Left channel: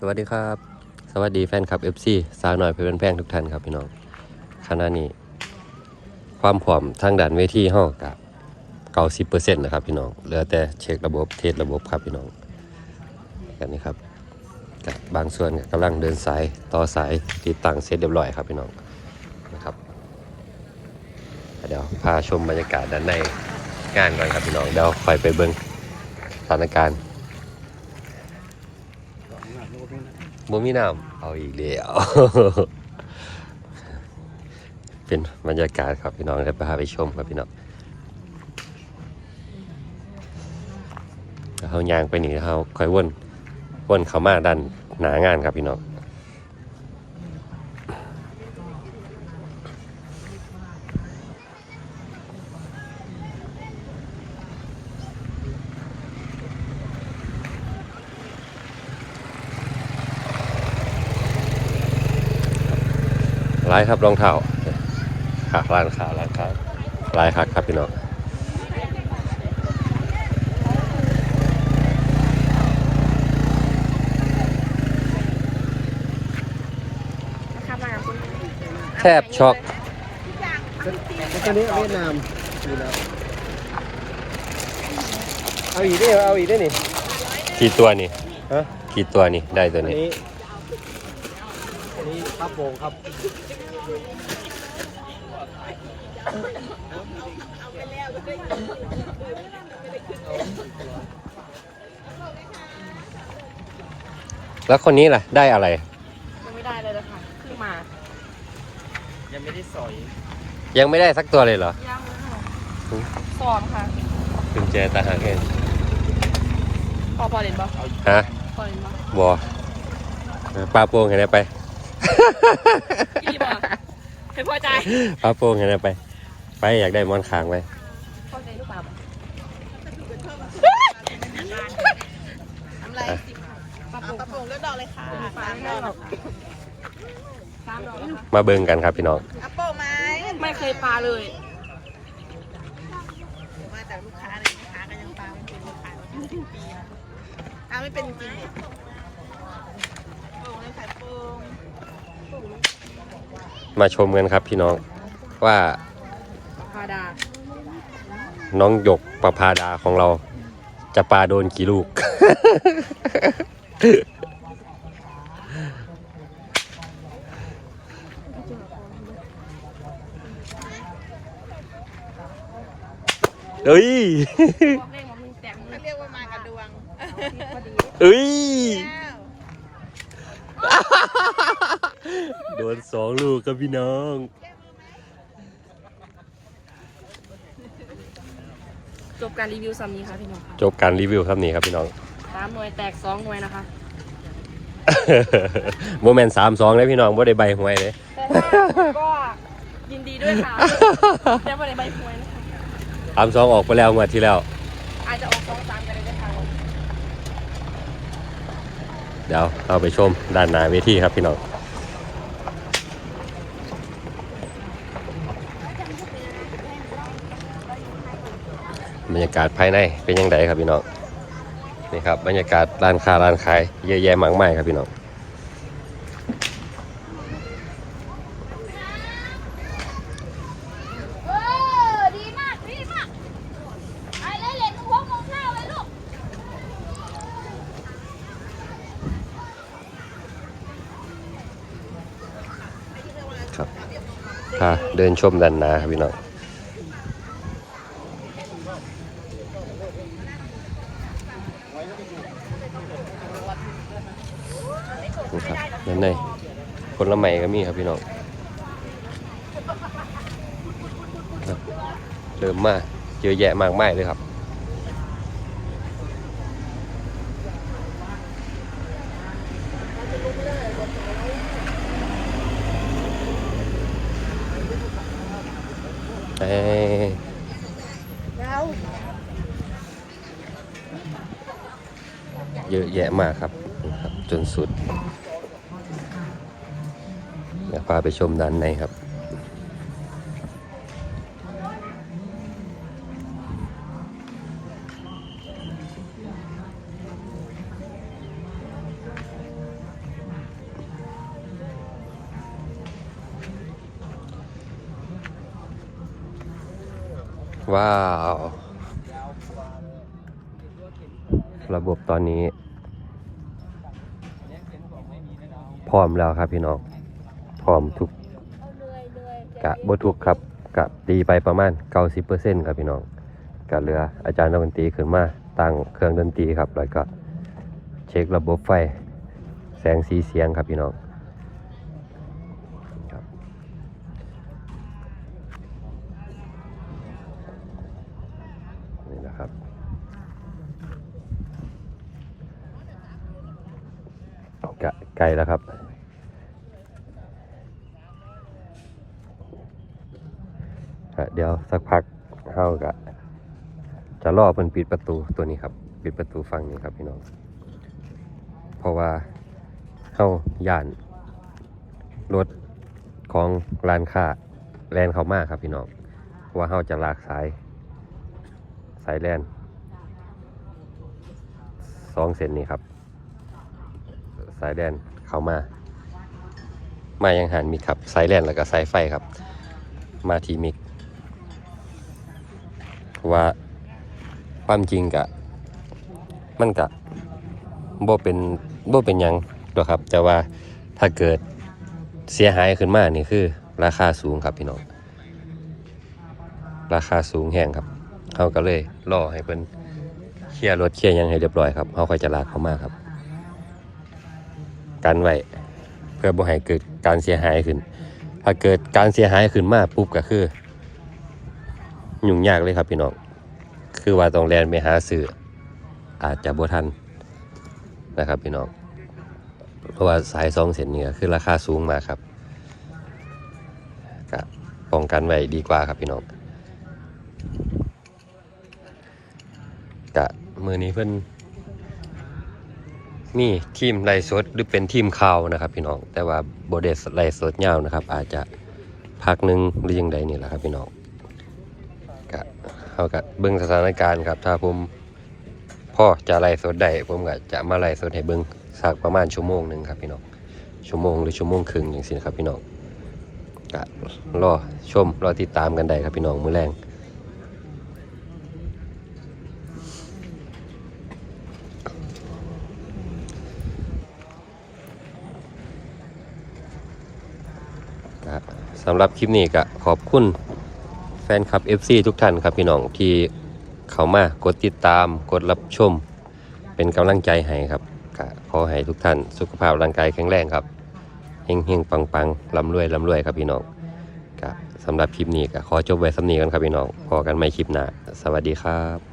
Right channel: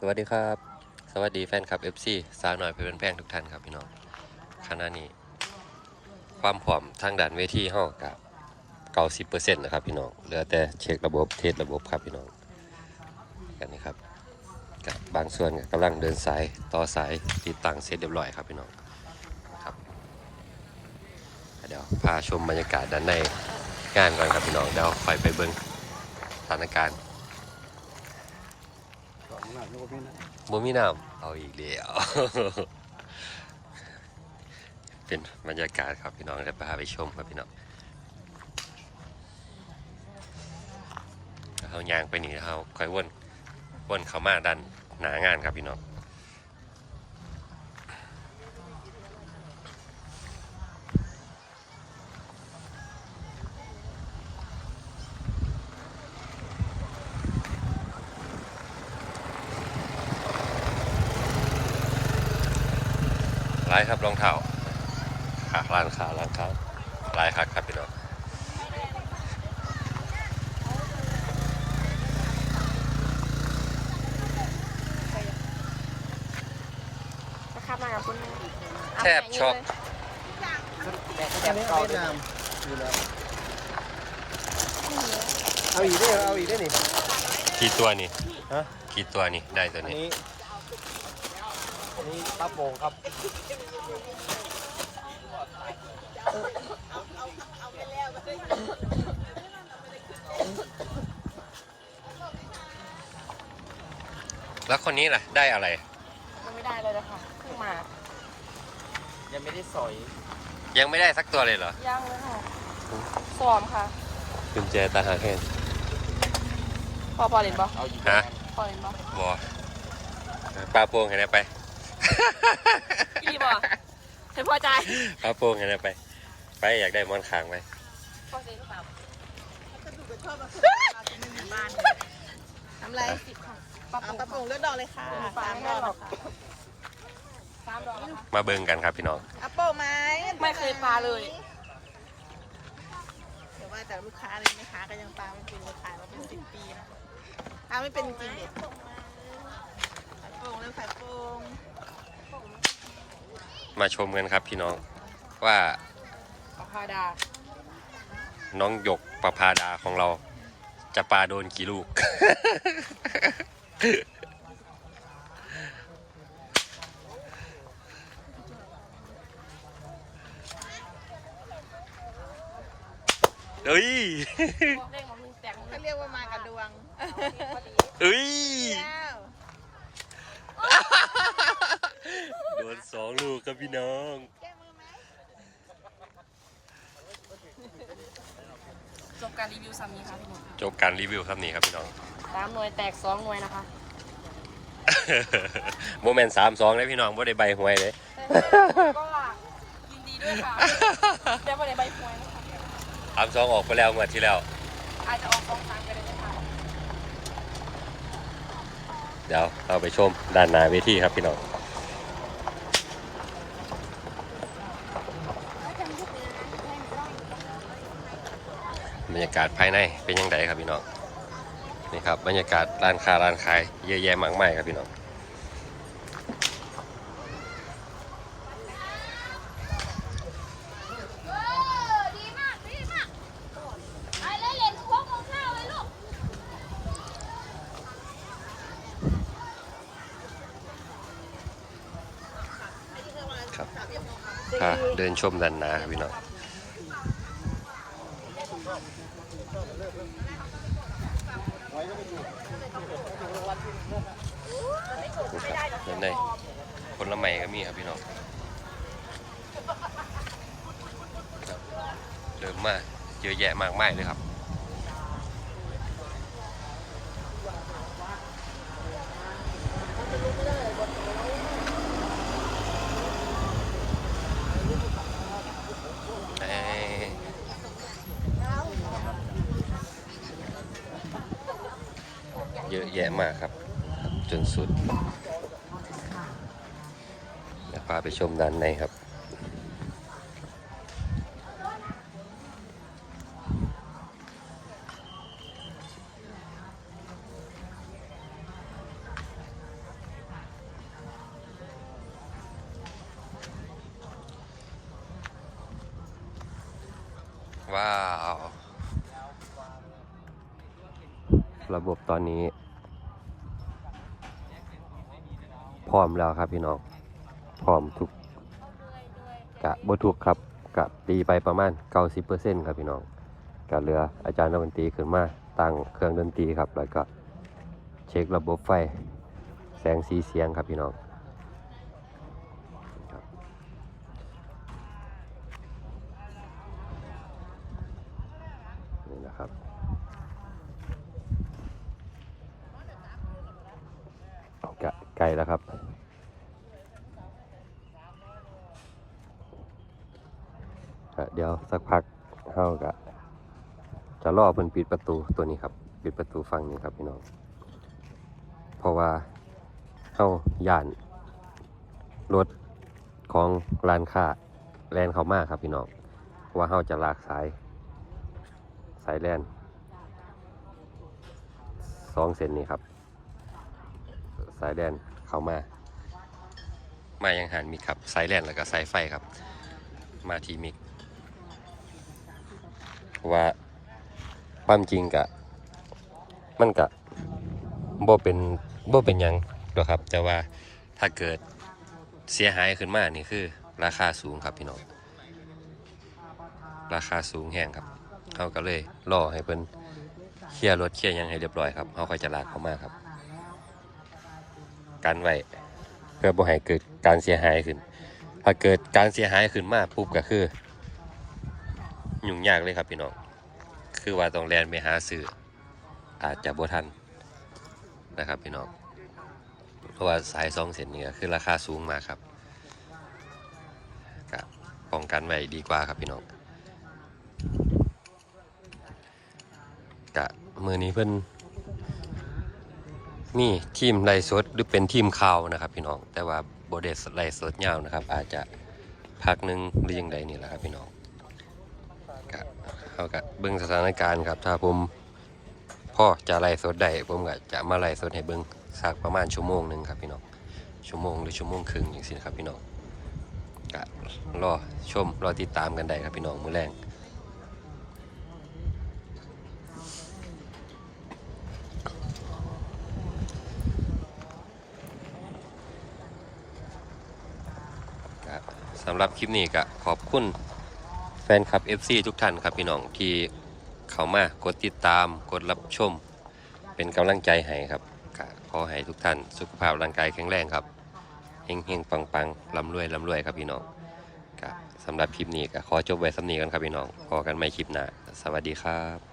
สวัสดีครับ สวัสดีแฟนคลับ FC สาวหน่อยเพื่อนแพงทุกท่านครับพี่น้องขณะนี้ ความผอมทางด่านเวทีห้องกับเก้าสิบเปอร์เซ็นต์นะครับพี่น้องเหลือแต่เช็คระบบเทสระบบครับพี่น้องกันนี้ครับกับบางส่วนก็กำลังเดินสายต่อสายติดตั้งเสร็จเรียบร้อยครับพี่น้องนะครับเดี๋ยวพาชมบรรยากาศด้านในงานก่อนครับพี่น้องเดี๋ยวคอยไปเบิ่งสถานการณ์ บ่มีน้ำเอาอีกแล้วเป็นบรรยากาศครับพี่น้องได้พาไปชมครับพี่น้องเขายางไปนี่เขาค่อยวนวนเขามาดันหนางานครับพี่น้อง ลายครับรองเท้าขาร้านขาร้านค้าลายคักครับพี่น้องข้ามมากับคุณแทบช็อกตอนนี้เวียดนามอยู่แล้ว เอาอีกได้เอาอีกได้นี่ กี่ตัวนี่ ฮะ กี่ตัวนี่ ได้ตัวอัน นี้นี้อันนี้ครับโป่งครับแล้วคนนี้ล่ะ ได้อะไร ยังไม่ได้เลยนะคะเพิ่งมา ยังไม่ได้สอย ยังไม่ได้สักตัวเลยเหรอ ยังเลยค่ะฟอร์มค่ะกุญแจตาหางแห้งพอพอเล่นบอฮะพอเล่นบอบอเออปลาโป่งเห็นไหมไป พี่บอเห็นพอใจปลาโป่งเห็นไหมไป ไปอยากได้มอนคางไว้พอใจหรือเปล่าน้ำลายสิบค่ะปลาโป่งกระโปรงเลือดดอกเลยค่ะปลาไม่ได้หรอกสามดอกนะคะมาเบิ่งกันครับพี่น้องกระโปรงไหมไม่เคยปลาเลยมาจากลูกค้าเลยลูกค้าก็ยังตามเป็นลูกค้าอ้าวไม่เป็นจริงๆกระโปรงแล้วค่ะกระโปรง มาชมกันครับพี่น้องว่าปลาดาน้องหยกประพาดาของเรา จะปลาโดนกี่ลูก เอ้ยบอกเล่นของมึงแตกมึงก็เรียกว่ามากระดวงเอ้ย แล้ว โดนสองลูกครับพี่น้อง จบการรีวิวซ้ำนี้ค่ะพี่น้องค่ะจบการรีวิวครับนี่ครับพี่น้อง สามหน่วยแตกสองหน่วยนะคะโมเมนต์สามสองเลยพี่น้องบ่ได้ใบหวยเลยแต่ถ้าคุณก็ยินดีด้วยค่ะแต่ว่าในใบหวยนะคะสามสองออกไปแล้วงวดที่แล้ว อาจจะออกสองสามไปเลยนะคะเดี๋ยวเราไปชมด้านหน้าเวทีครับพี่น้อง รรยากาศภายในเป็นยังไงครับพี่น้องนี่ครับบรรยากาศร้านค้าร้านขายเยอะแยะมากมายครับพี่น้องเออดีมากดีมากไอ้เล่นเล่นหัวมุมหน้าเลยลูกครับพาเดินชมด้านหน้าครับพี่น้อง ด้านใน ผลไม้ก็มีครับพี่น้องเริ่มมาเยอะแยะมากมายเลยครับเอ้ยเยอะแยะมากครับ จนสุด เดี๋ยวพาไปชมด้านในครับ ว้าว ระบบตอนนี้ พร้อมแล้วครับพี่น้อง ร้อมทุกเอาเลยเลยกะบ่ทุกครับกะตีไปประมาณ 90%ครับพี่น้องกะเหลืออาจารย์นักดนตรีขึ้นมาตั้งเครื่องดนตรีครับแล้วก็เช็คระบบไฟ แสงสีเสียงครับพี่น้องครับนี่นะครับกะไกลแล้วครับ ก็เดี๋ยว สักพักเข้าก็จะรอเพิ่นปิดประตูตัวนี้ครับ ปิดประตูฝั่งนี้ครับพี่น้อง เพราะว่าเข้าย่านรถของร้านค้าแลนเขามากครับพี่น้องเพราะว่าเขาจะลากสาย สายแลนสองเส้นนี้ครับ สายแลนเขามา มายังหันมีครับ สายแลนแล้วก็สายไฟครับ มาทีมิก ว่าความจริงกะมันกะบ่เป็นบ่เป็นยังดอกครับ แต่ว่าถ้าเกิดเสียหายขึ้นมานี่คือ ราคาสูงครับพี่น้องราคาสูงแห้งครับเขาก็เลยรอให้เพิ่นเคลียร์รถเคลียร์ยังให้เรียบร้อยครับเขาค่อยจะลากเขามาครับกันไว้เพื่อบ่ให้เกิดการเสียหายขึ้น ถ้าเกิดการเสียหายขึ้นมาปุ๊บก็คือ ยุ่งยากเลยครับพี่น้อง คือว่าต้องแลนไปหาสื่ออาจจะบ่ทันนะครับพี่น้อง เพราะว่าสายสองเส้นนี่ก็คือราคาสูงมากครับก็ป้องกันไว้ดีกว่าครับพี่น้องกะมือนี้เพิ่นนี่ทีมไล่สดหรือเป็นทีมข่าวนะครับ พี่น้องแต่ว่าโบเดสไล่สดยาวนะครับ อาจจะพักหนึงหรือยังใดนี่แหละครับพี่น้อง เขาก็เบิ่งสถานการณ์ครับ ถ้าผมพ่อจะไล่สดได้ผมก็จะมาไล่สดให้เบิ่งสักประมาณชั่วโมงหนึ่งครับพี่น้องชั่วโมงหรือชั่วโมงครึ่งอย่างนี้นครับพี่น้องก็รอชมรอติดตามกันได้ครับพี่น้องมือแรงสำหรับคลิปนี้ก็ขอบคุณ ฟนคลับ FC ทุกท่านครับพี่น้องที่เข้ามากดติดตามกดรับชม เป็นกำลังใจให้ครับก็ขอให้ทุกท่านสุขภาพร่างกายแข็งแรงครับเฮงเฮงปังปังลำรวยลำรวยครับพี่น้องก็สำหรับคลิปนี้ก็ขอจบไว้สำนีกันครับพี่น้องพอกันไม่คลิปหน้าสวัสดีครับ